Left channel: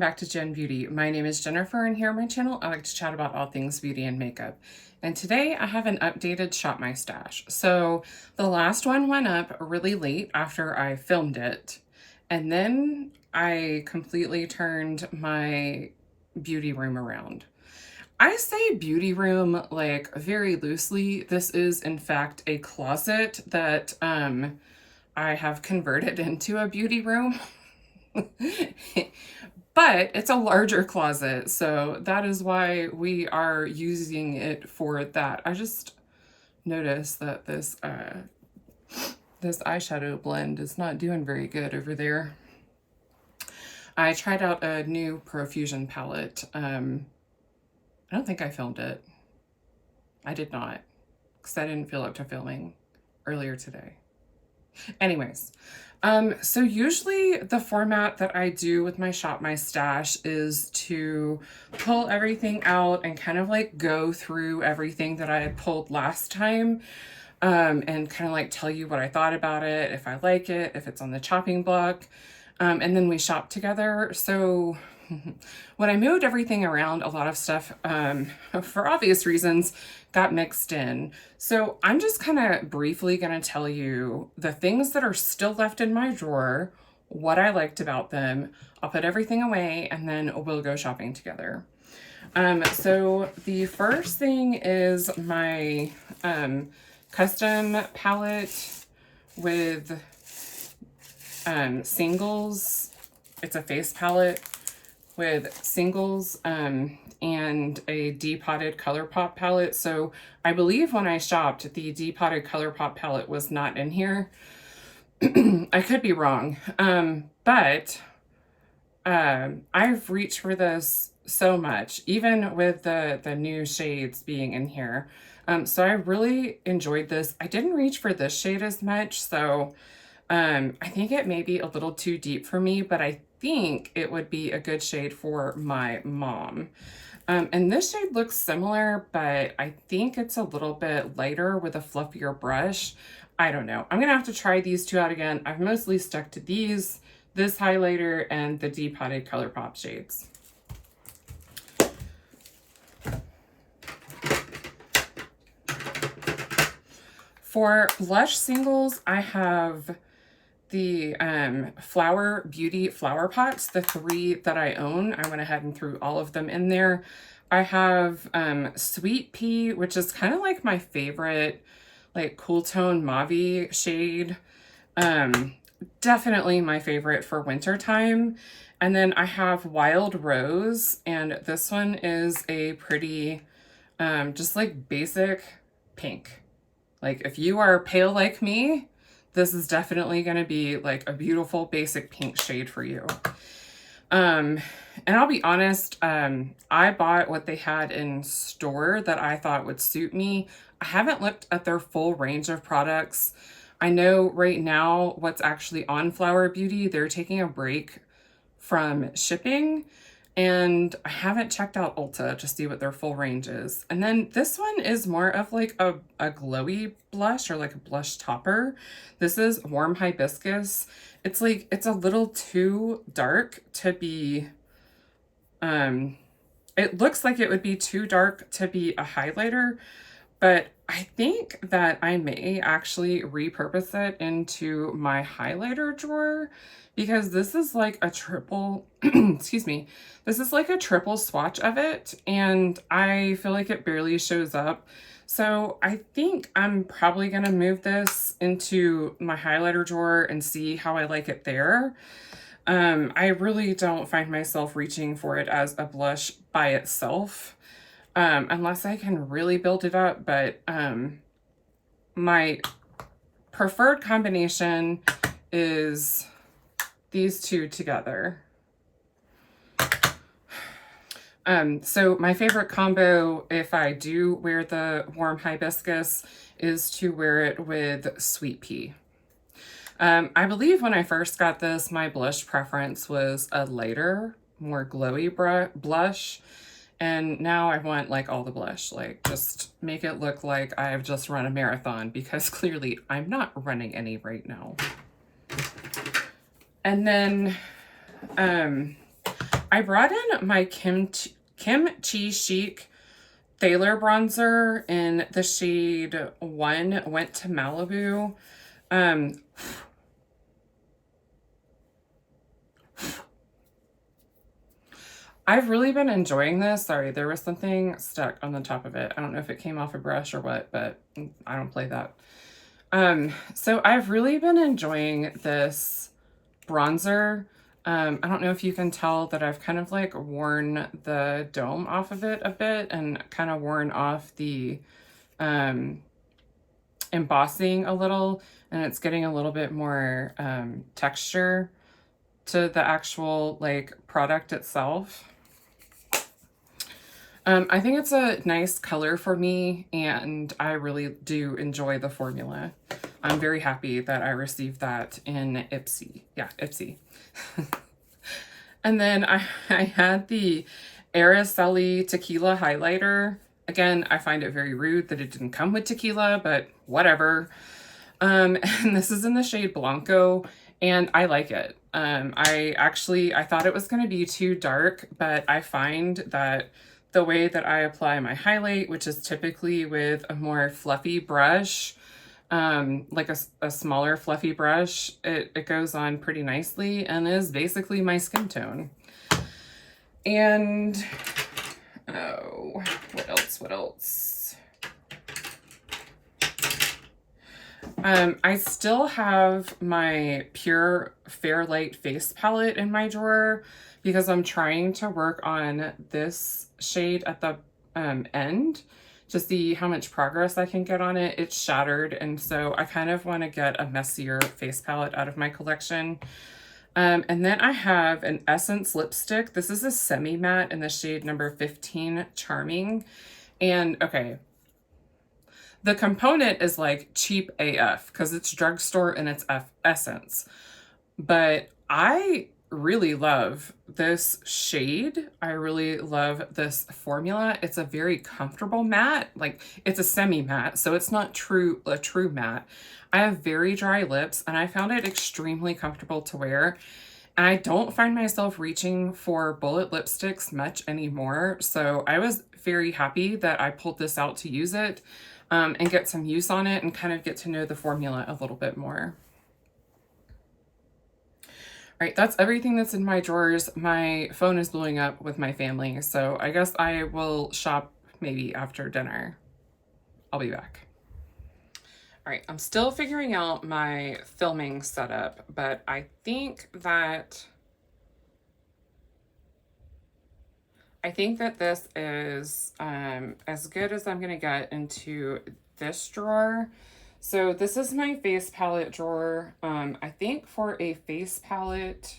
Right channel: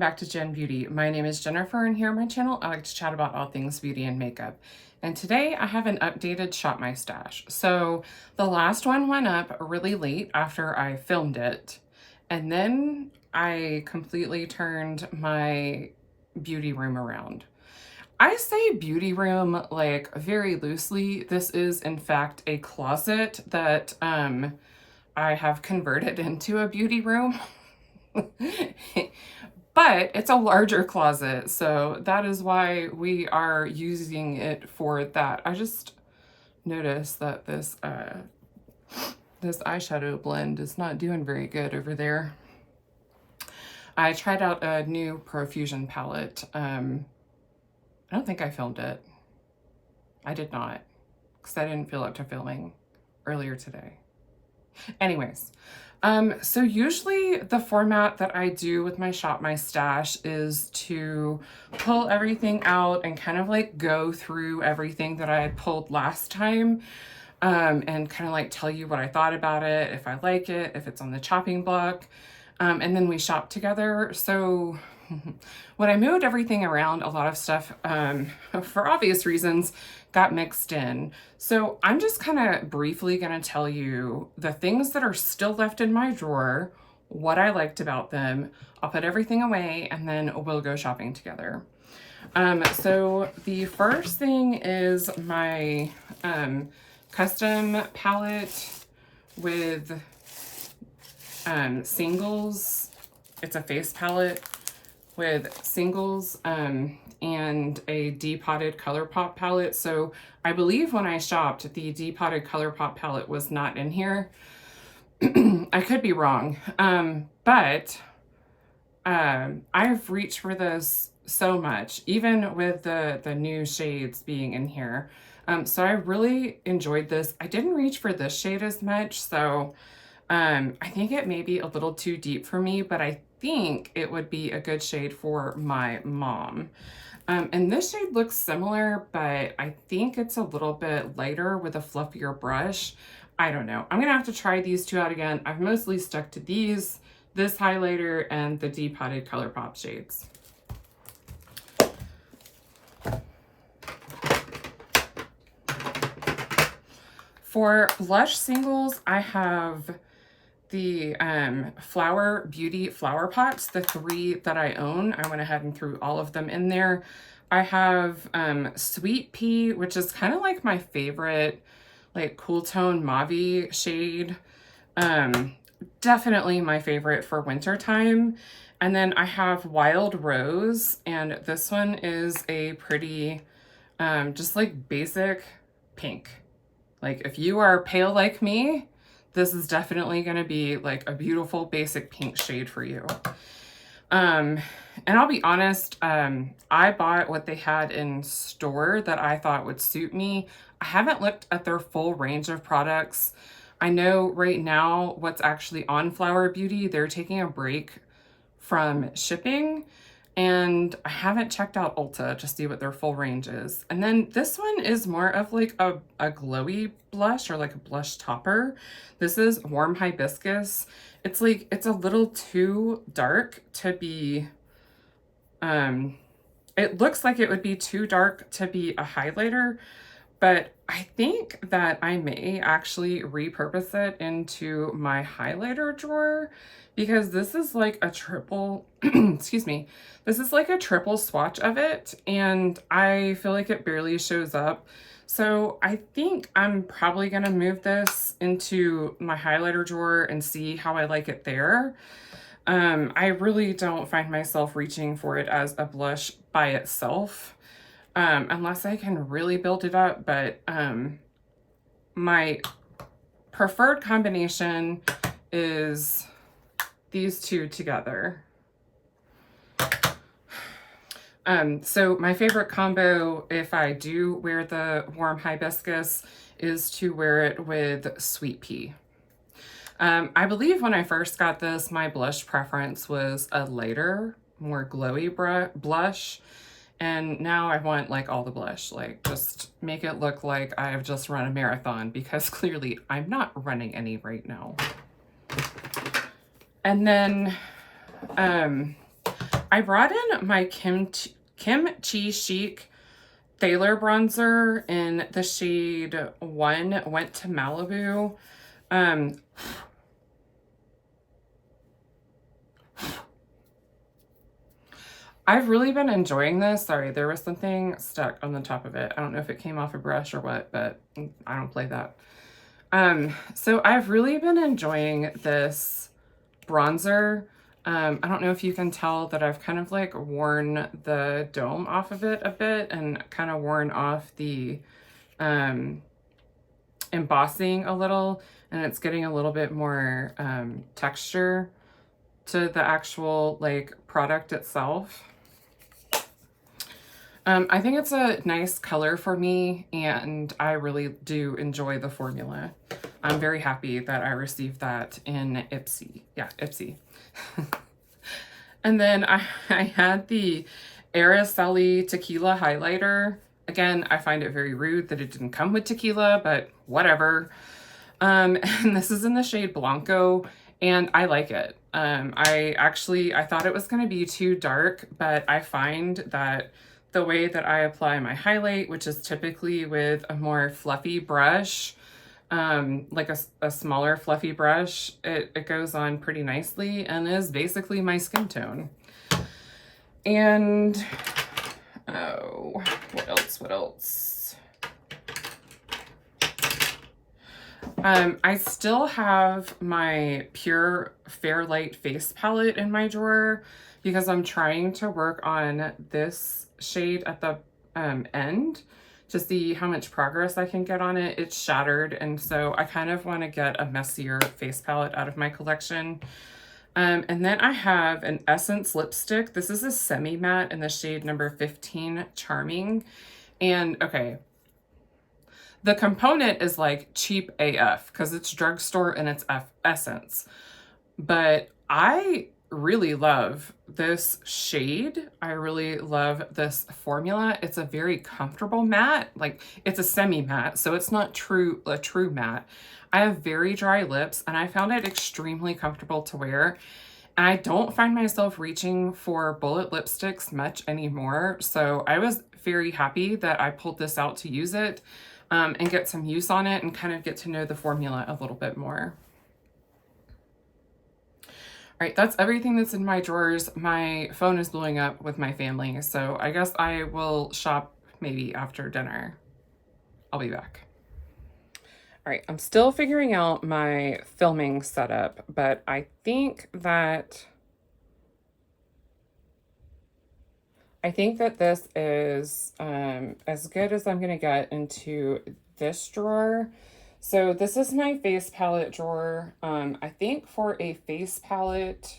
back to Jen Beauty. My name is Jennifer, and here on my channel I like to chat about all things beauty and makeup. And today I have an updated Shop My Stash. So the last one went up really late after I filmed it, and then I completely turned my beauty room around. I say beauty room like very loosely. This is in fact a closet that I have converted into a beauty room. But it's a larger closet, so that is why we are using it for that. I just noticed that this eyeshadow blend is not doing very good over there. I tried out a new Profusion palette. I don't think I filmed it. I did not, because I didn't feel up to filming earlier today. Anyways, so usually the format that I do with my Shop My Stash is to pull everything out and kind of like go through everything that I had pulled last time, and kind of like tell you what I thought about it, if I like it, if it's on the chopping block, and then we shop together. So when I moved everything around, a lot of stuff, for obvious reasons, got mixed in. So I'm just kind of briefly going to tell you the things that are still left in my drawer, what I liked about them. I'll put everything away and then we'll go shopping together. So the first thing is my custom palette with singles. It's a face palette with singles and a depotted ColourPop palette. So I believe when I shopped, the depotted ColourPop palette was not in here. I could be wrong, but I've reached for this so much, even with the new shades being in here. So I really enjoyed this. I didn't reach for this shade as much, so I think it may be a little too deep for me, but I think it would be a good shade for my mom. And this shade looks similar, but I think it's a little bit lighter with a fluffier brush. I don't know. I'm gonna have to try these two out again. I've mostly stuck to these, this highlighter, and the depotted ColourPop shades. For blush singles, I have the Flower Beauty flower pots, the 3 that I own. I went ahead and threw all of them in there. I have Sweet Pea, which is kind of like my favorite like cool tone mauve shade. Definitely my favorite for winter time. And then I have Wild Rose, and this one is a pretty just like basic pink. Like if you are pale like me, this is definitely going to be like a beautiful basic pink shade for you. And I'll be honest, I bought what they had in store that I thought would suit me. I haven't looked at their full range of products. I know right now what's actually on Flower Beauty, they're taking a break from shipping, and I haven't checked out Ulta to see what their full range is. And then this one is more of like a glowy blush, or like a blush topper. This is Warm Hibiscus. It's like, it's a little too dark to be, it looks like it would be too dark to be a highlighter, but I think that I may actually repurpose it into my highlighter drawer, because this is like a triple, excuse me, this is like a triple swatch of it, and I feel like it barely shows up. So I think I'm probably going to move this into my highlighter drawer and see how I like it there. I really don't find myself reaching for it as a blush by itself, unless I can really build it up. But my preferred combination is these two together. So my favorite combo, if I do wear the Warm Hibiscus, is to wear it with Sweet Pea. I believe when I first got this, my blush preference was a lighter, more glowy blush. And now I want like all the blush, like just make it look like I've just run a marathon, because clearly I'm not running any right now. And then I brought in my Kimchi Chic Thaler bronzer in the shade 1, Went to Malibu. Um, I've really been enjoying this. Sorry, there was something stuck on the top of it. I don't know if it came off a brush or what, but I don't play that. So I've really been enjoying this bronzer. I don't know if you can tell that I've kind of like worn the dome off of it a bit and kind of worn off the embossing a little, and it's getting a little bit more texture to the actual like product itself. I think it's a nice color for me, and I really do enjoy the formula. I'm very happy that I received that in Ipsy. Yeah, Ipsy. And then I had the Araceli Tequila Highlighter. Again, I find it very rude that it didn't come with tequila, but whatever. And this is in the shade Blanco, and I like it. I thought it was going to be too dark, but I find that the way that I apply my highlight, which is typically with a more fluffy brush, like a smaller fluffy brush, it goes on pretty nicely and is basically my skin tone. And, oh, what else? I still have my Pure Fairlight face palette in my drawer because I'm trying to work on this shade at the end to see how much progress I can get on it. It's shattered, and so I kind of want to get a messier face palette out of my collection. And then I have an Essence lipstick. This is a semi-matte in the shade number 15, Charming. And okay, the component is like cheap AF because it's drugstore and it's Essence. But I really love this shade. I really love this formula. It's a very comfortable matte. Like, it's a semi-matte, so it's not a true matte. I have very dry lips, and I found it extremely comfortable to wear. And I don't find myself reaching for bullet lipsticks much anymore. So I was very happy that I pulled this out to use it and get some use on it and kind of get to know the formula a little bit more. All right, that's everything that's in my drawers. My phone is blowing up with my family, so I guess I will shop maybe after dinner. I'll be back. All right, I'm still figuring out my filming setup, but I think that this is as good as I'm gonna get into this drawer. So this is my face palette drawer. I think for a face palette,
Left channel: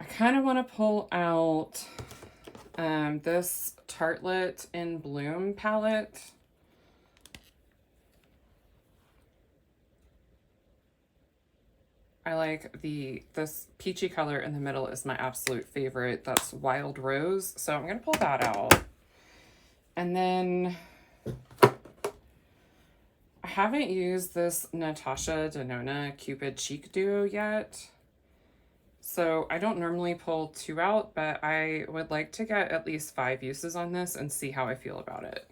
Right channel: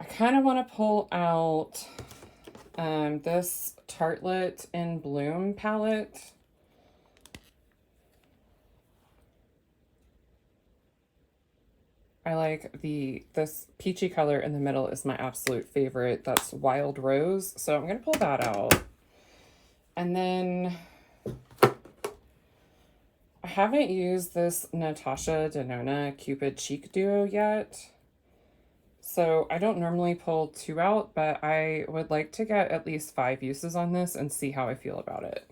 I kind of want to pull out this Tartelette in Bloom palette. I like this peachy color in the middle is my absolute favorite. That's Wild Rose. So I'm going to pull that out. And then I haven't used this Natasha Denona Cupid Cheek Duo yet. So I don't normally pull 2 out, but I would like to get at least 5 uses on this and see how I feel about it.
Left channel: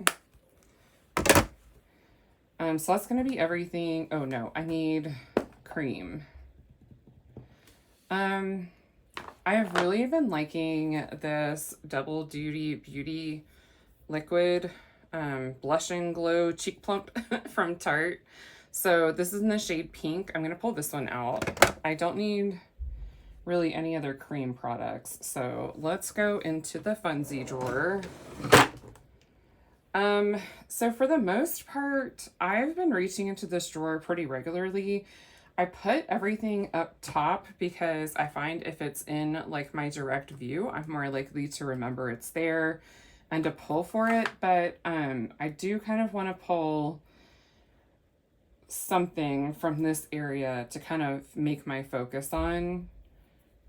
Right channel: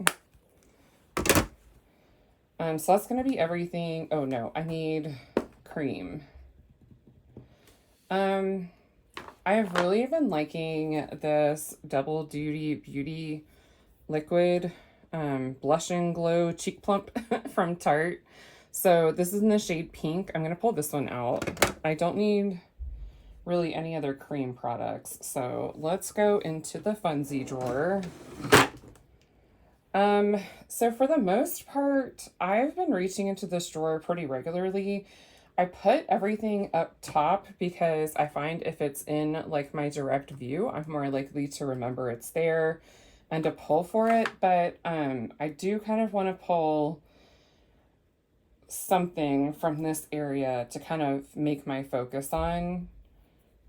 So that's going to be everything. Oh no, I need cream. I have really been liking this Double Duty Beauty Liquid Blush and Glow Cheek Plump from Tarte. So this is in the shade Pink. I'm going to pull this one out. I don't need really any other cream products. So let's go into the Funzie drawer. So for the most part, I've been reaching into this drawer pretty regularly. I put everything up top because I find if it's in like my direct view, I'm more likely to remember it's there and to pull for it. But I do kind of want to pull something from this area to kind of make my focus on.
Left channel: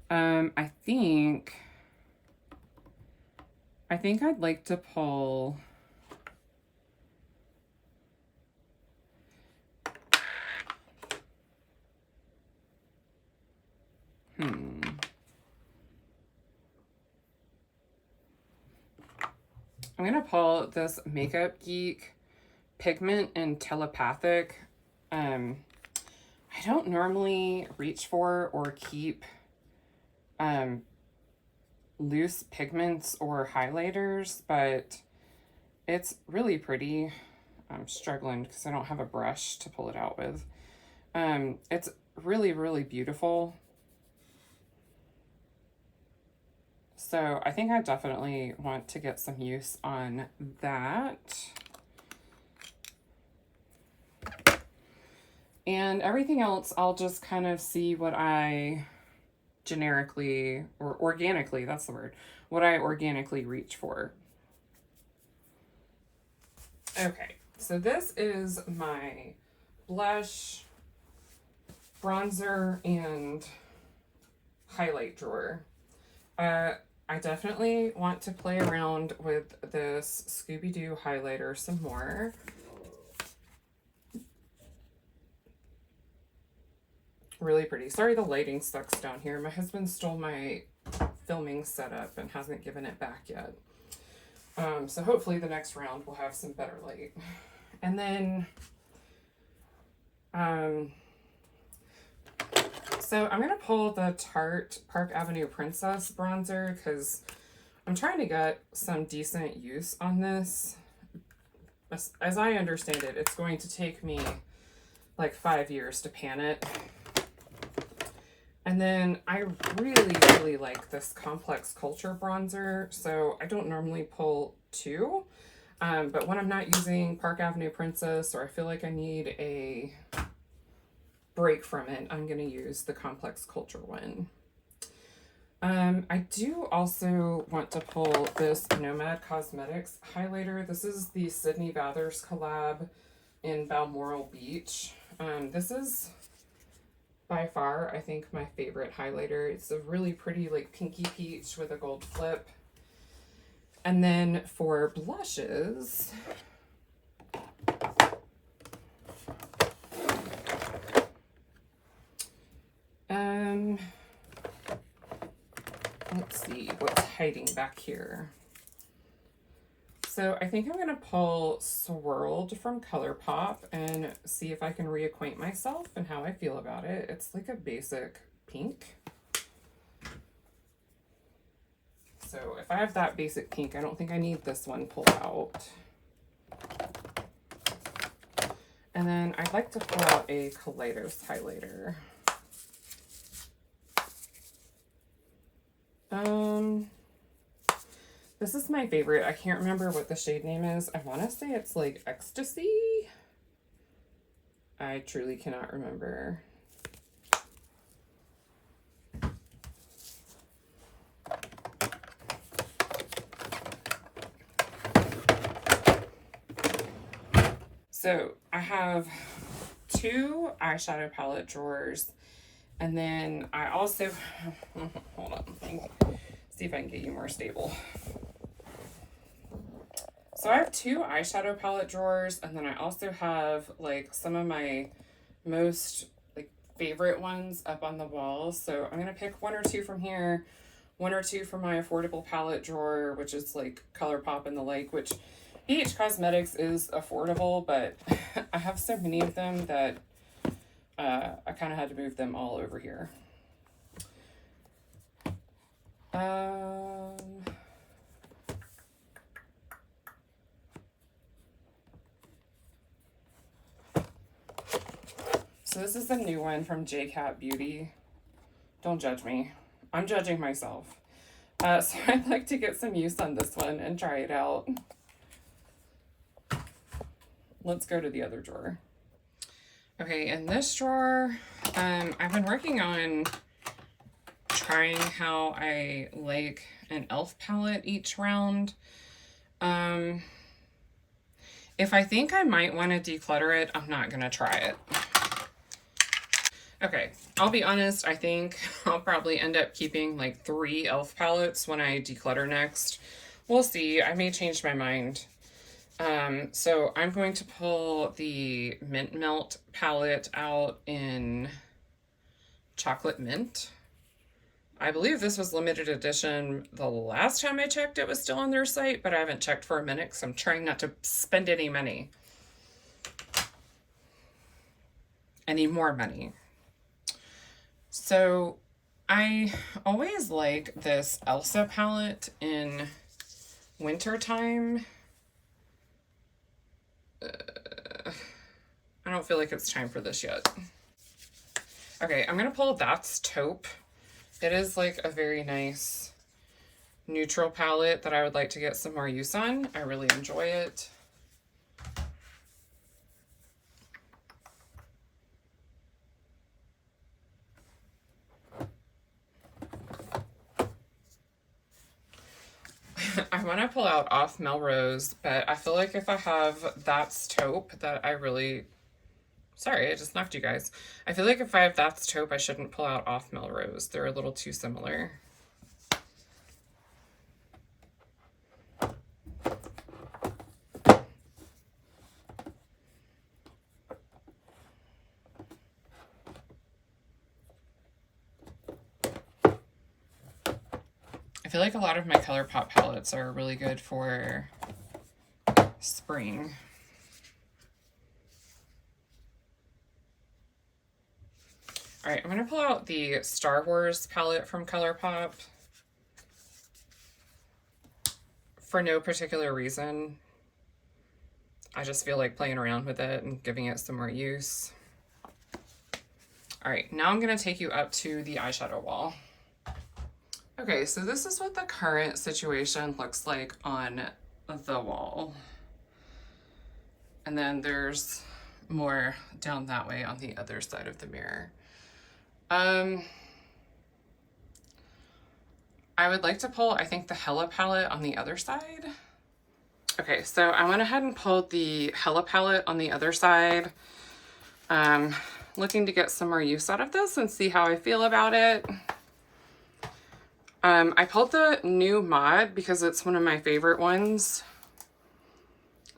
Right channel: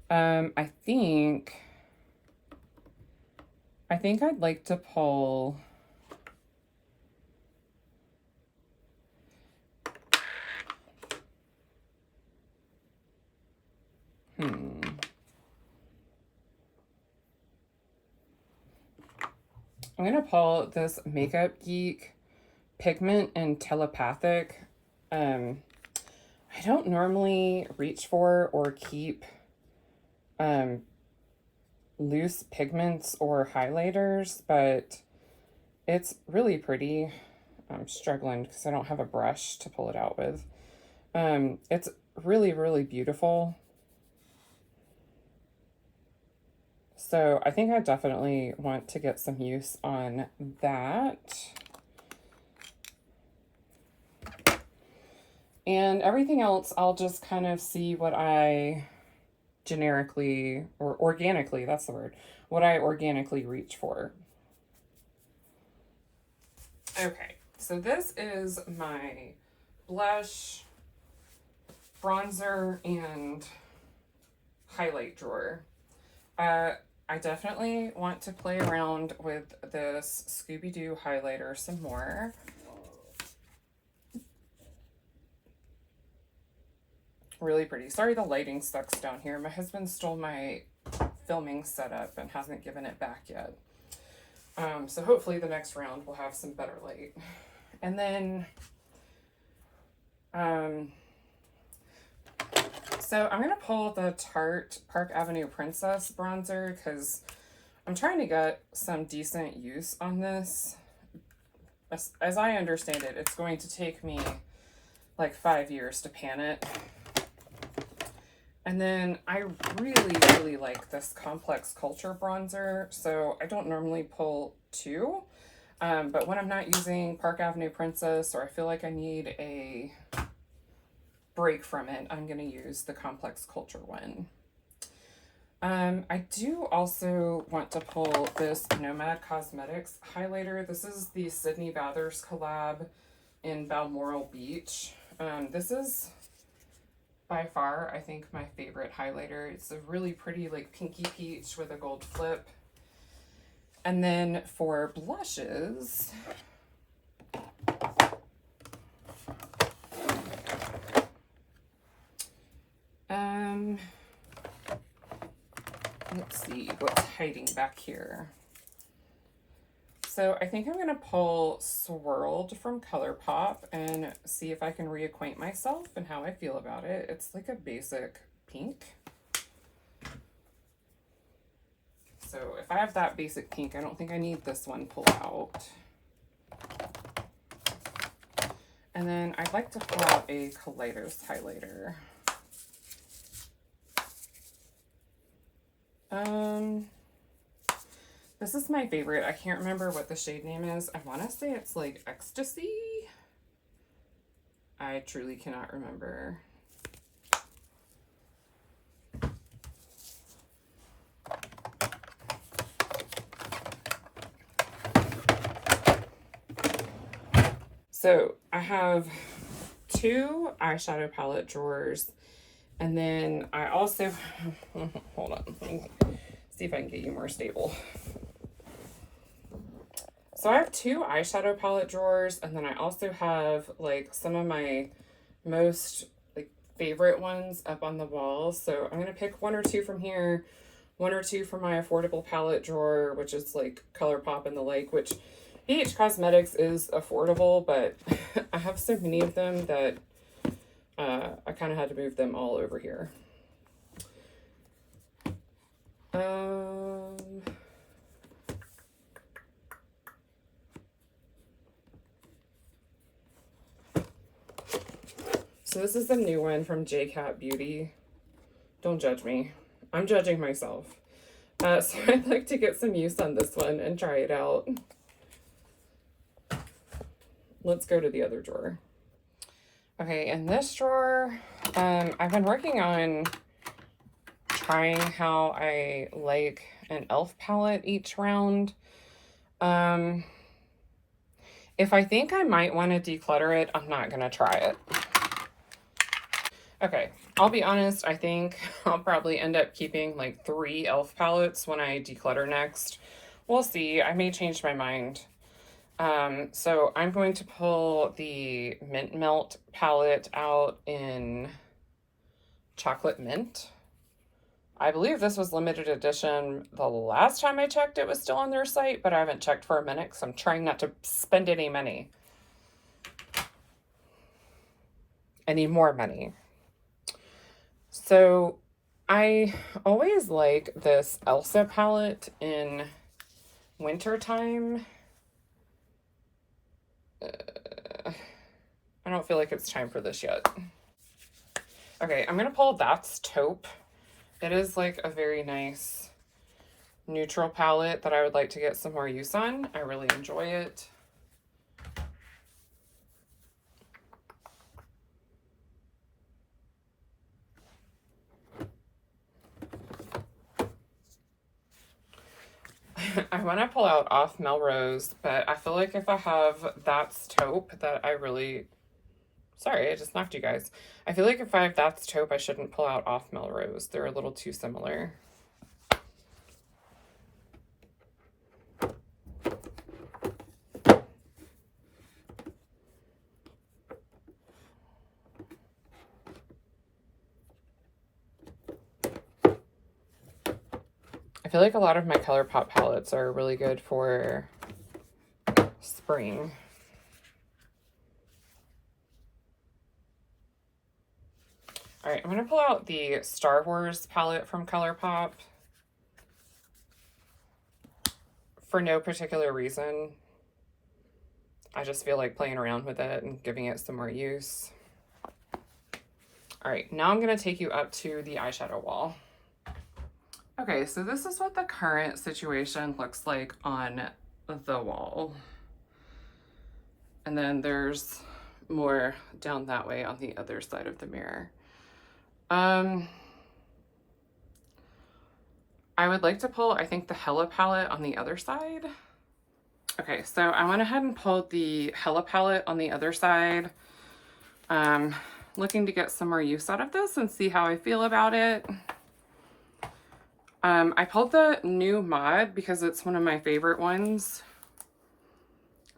I think I'd like to pull I'm going to pull this Makeup Geek Pigment and Telepathic. I don't normally reach for or keep loose pigments or highlighters, but it's really pretty. I'm struggling because I don't have a brush to pull it out with. It's really, really beautiful. So I think I definitely want to get some use on that. And everything else, I'll just kind of see what I generically or organically, that's the word, what I organically reach for. Okay, so this is my blush, bronzer, and highlight drawer. I definitely want to play around with this Scooby-Doo highlighter some more. Really pretty. Sorry the lighting sucks down here. My husband stole my filming setup and hasn't given it back yet. So hopefully the next round will have some better light. And then, so I'm going to pull the Tarte Park Avenue Princess bronzer because I'm trying to get some decent use on this. As I understand it, it's going to take me like 5 years to pan it. And then I really, really like this Complex Culture bronzer, so I don't normally pull two, but when I'm not using Park Avenue Princess or I feel like I need a break from it, I'm going to use the Complex Culture one. I do also want to pull this Nomad Cosmetics highlighter. This is the Sydney Bathurst collab in Balmoral Beach. This is by far, I think, my favorite highlighter. It's a really pretty, like, pinky peach with a gold flip. And then for blushes, let's see what's hiding back here. So I think I'm going to pull Swirled from ColourPop and see if I can reacquaint myself and how I feel about it. It's like a basic pink. So if I have that basic pink, I don't think I need this one pulled out. And then I'd like to pull out a Kaleidos highlighter. This is my favorite. I can't remember what the shade name is. I want to say it's like Ecstasy. I truly cannot remember. So I have two eyeshadow palette drawers, and then I also, hold on, see if I can get you more stable. So I have two eyeshadow palette drawers, and then I also have like some of my most like favorite ones up on the wall. So I'm gonna pick one or two from here, one or two from my affordable palette drawer, which is like ColourPop and the like, which BH Cosmetics is affordable, but I have so many of them that I kind of had to move them all over here. So this is the new one from JCat Beauty. Don't judge me. I'm judging myself. So I'd like to get some use on this one and try it out. Let's go to the other drawer. Okay, in this drawer, I've been working on trying how I like an e.l.f. palette each round. If I think I might want to declutter it, I'm not going to try it. Okay, I'll be honest, I think I'll probably end up keeping like 3 e.l.f. palettes when I declutter next. We'll see, I may change my mind. So I'm going to pull the Mint Melt palette out in Chocolate Mint. I believe this was limited edition. The last time I checked, it was still on their site, but I haven't checked for a minute because I'm trying not to spend any money. I need more money. So I always liked this Elsa palette in wintertime. I don't feel like it's time for this yet. Okay, I'm gonna pull That's Taupe. It is like a very nice neutral palette that I would like to get some more use on. I really enjoy it. I want to pull out Off Melrose, but I feel like if I have That's Taupe that I really... Sorry, I just knocked you guys. I feel like if I have That's Taupe, I shouldn't pull out Off Melrose. They're a little too similar. I feel like a lot of my ColourPop palettes are really good for spring. All right, I'm going to pull out the Star Wars palette from ColourPop for no particular reason. I just feel like playing around with it and giving it some more use. All right, now I'm going to take you up to the eyeshadow wall. Okay, so this is what the current situation looks like on the wall. And then there's more down that way on the other side of the mirror. I would like to pull, I think, the Hella palette on the other side. Okay, so I went ahead and pulled the Hella palette on the other side. Looking to get some more use out of this and see how I feel about it. I pulled the new mod because it's one of my favorite ones.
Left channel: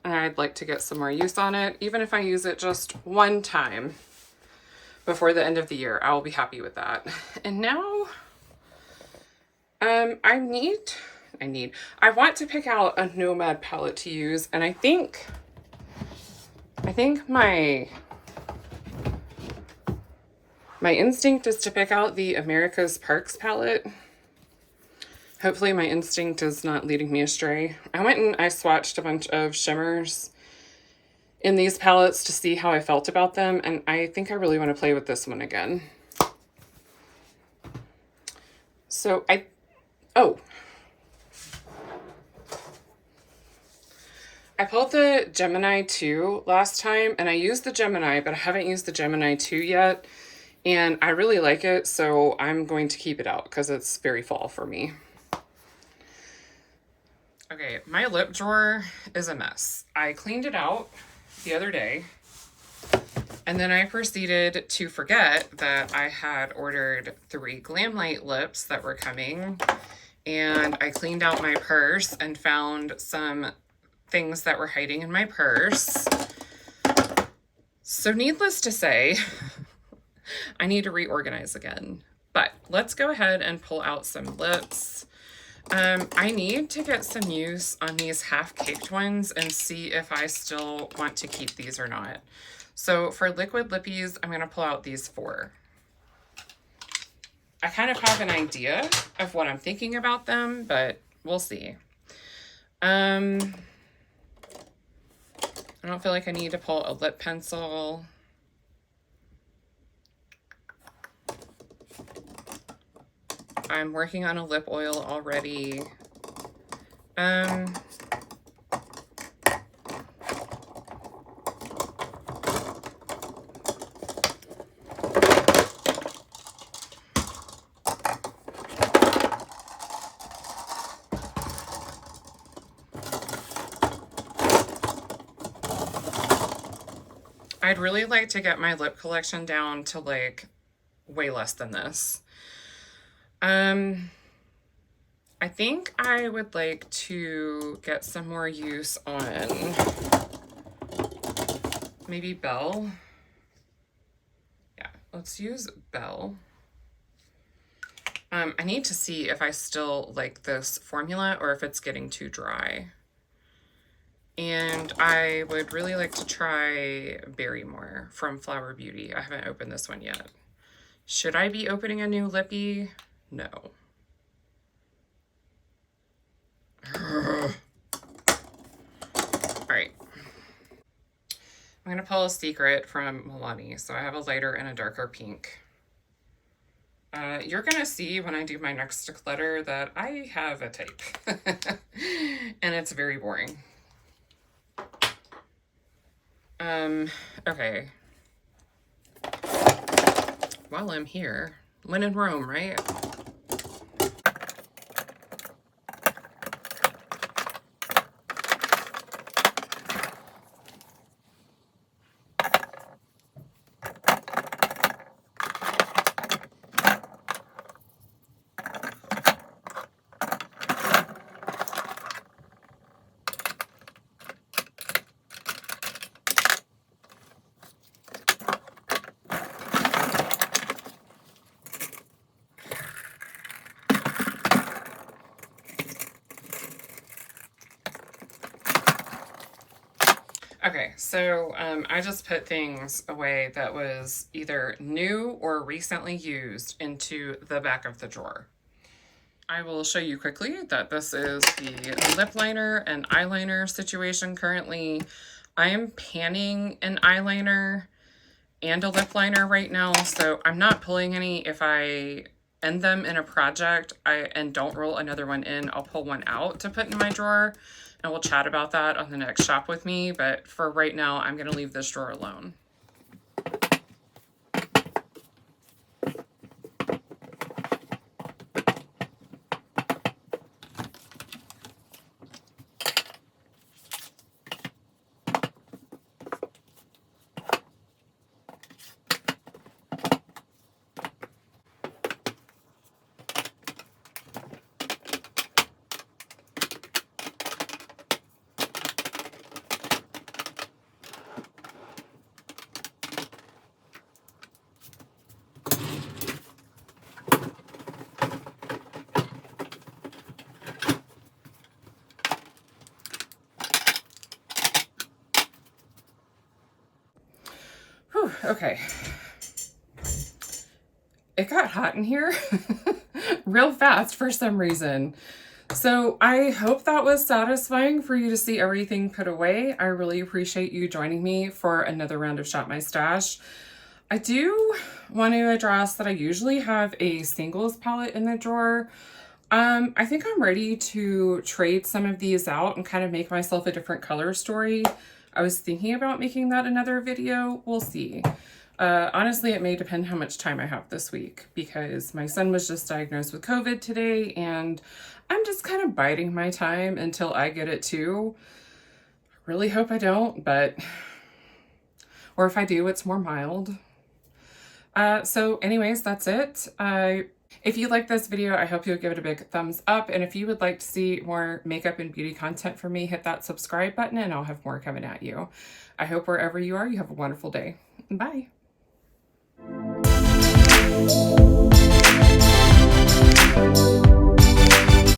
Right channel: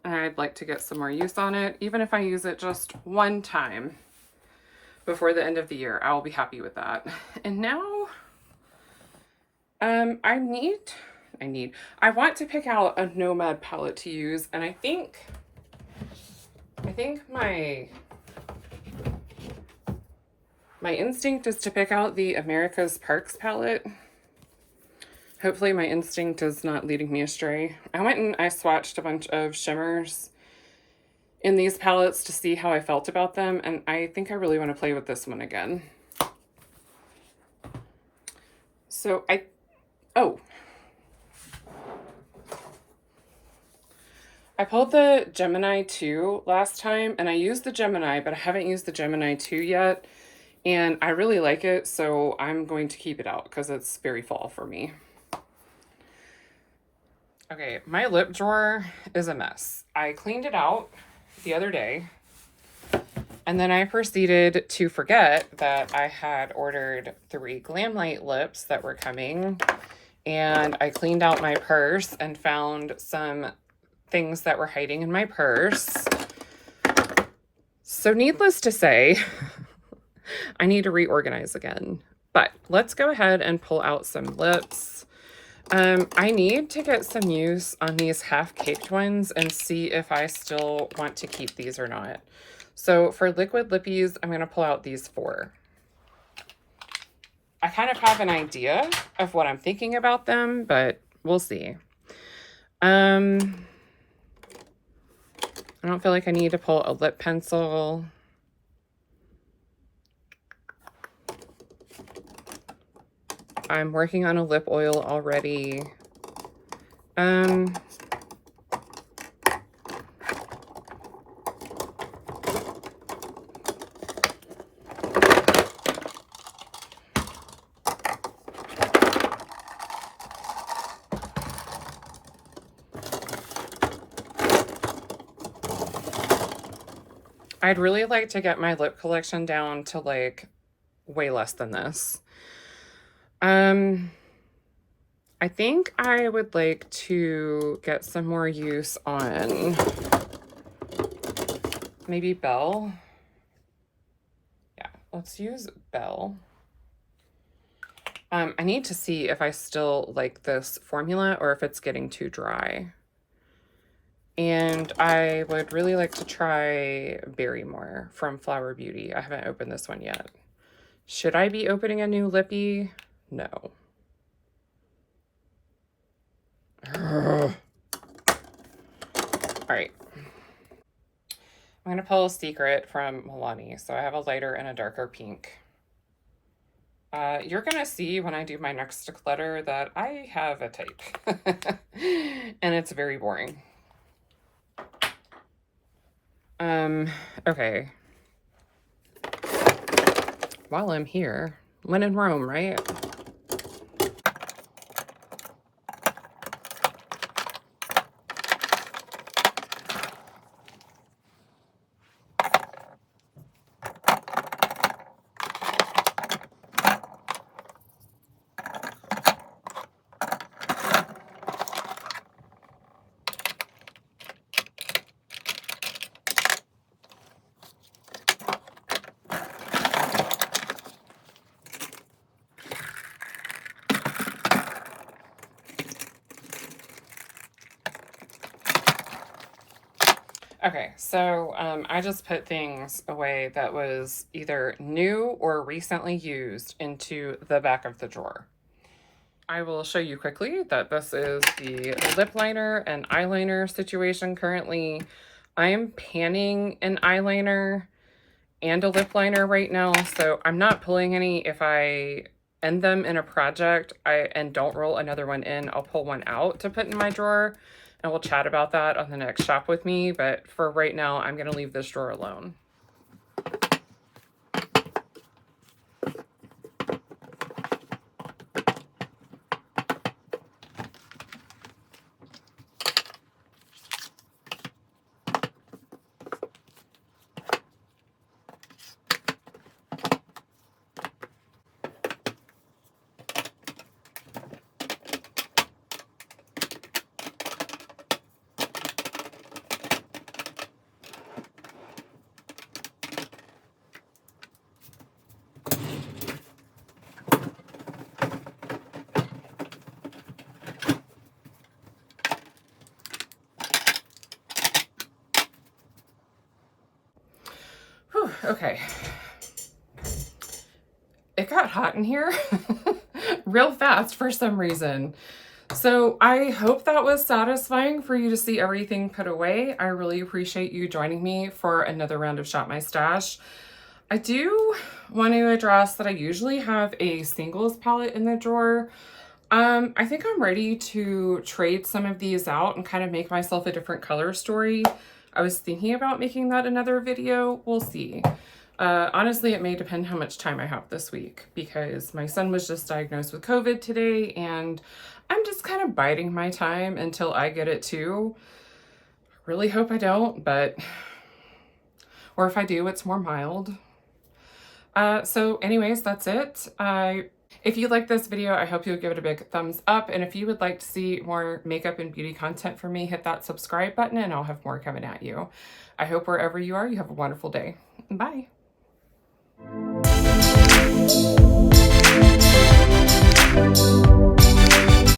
And I'd like to get some more use on it. Even if I use it just one time before the end of the year, I will be happy with that. And now, I want to pick out a Nomad palette to use, and I think my instinct is to pick out the America's Parks palette. Hopefully my instinct is not leading me astray. I went and I swatched a bunch of shimmers in these palettes to see how I felt about them, and I think I really want to play with this one again. So I pulled the Gemini 2 last time, and I used the Gemini, but I haven't used the Gemini 2 yet, and I really like it, so I'm going to keep it out because it's very fall for me. Okay, my lip drawer is a mess. I cleaned it out the other day, and then I proceeded to forget that I had ordered 3 Glamlight lips that were coming, and I cleaned out my purse and found some things that were hiding in my purse. So needless to say, I need to reorganize again. But let's go ahead and pull out some lips. I need to get some use on these half-caked ones and see if I still want to keep these or not. So for liquid lippies, I'm going to pull out these 4. I kind of have an idea of what I'm thinking about them, but we'll see. I don't feel like I need to pull a lip pencil. I'm working on a lip oil already. I'd really like to get my lip collection down to like way less than this. I think I would like to get some more use on maybe Belle. Yeah, let's use Belle. I need to see if I still like this formula or if it's getting too dry. And I would really like to try Barrymore from Flower Beauty. I haven't opened this one yet. Should I be opening a new lippy? No. All right. I'm going to pull a secret from Milani. So I have a lighter and a darker pink. You're going to see when I do my next declutter that I have a type. And it's very boring. Okay. While I'm here, when in Rome, right? Okay, so I just put things away that was either new or recently used into the back of the drawer. I will show you quickly that this is the lip liner and eyeliner situation currently. I am panning an eyeliner and a lip liner right now, so I'm not pulling any. If I end them in a project and don't roll another one in, I'll pull one out to put in my drawer. And we'll chat about that on the next shop with me. But for right now, I'm going to leave this drawer alone. Whew, okay. It got hot in here real fast for some reason. So I hope that was satisfying for you to see everything put away. I really appreciate you joining me for another round of Shop My Stash. I do want to address that I usually have a singles palette in the drawer. I think I'm ready to trade some of these out and kind of make myself a different color story. I was thinking about making that another video. We'll see. Honestly, it may depend how much time I have this week because my son was just diagnosed with COVID today and I'm just kind of biding my time until I get it too. I really hope I don't, but, or if I do, it's more mild. So anyways, that's it. If you like this video, I hope you'll give it a big thumbs up. And if you would like to see more makeup and beauty content from me, hit that subscribe button and I'll have more coming at you. I hope wherever you are, you have a wonderful day. Bye. Thank you.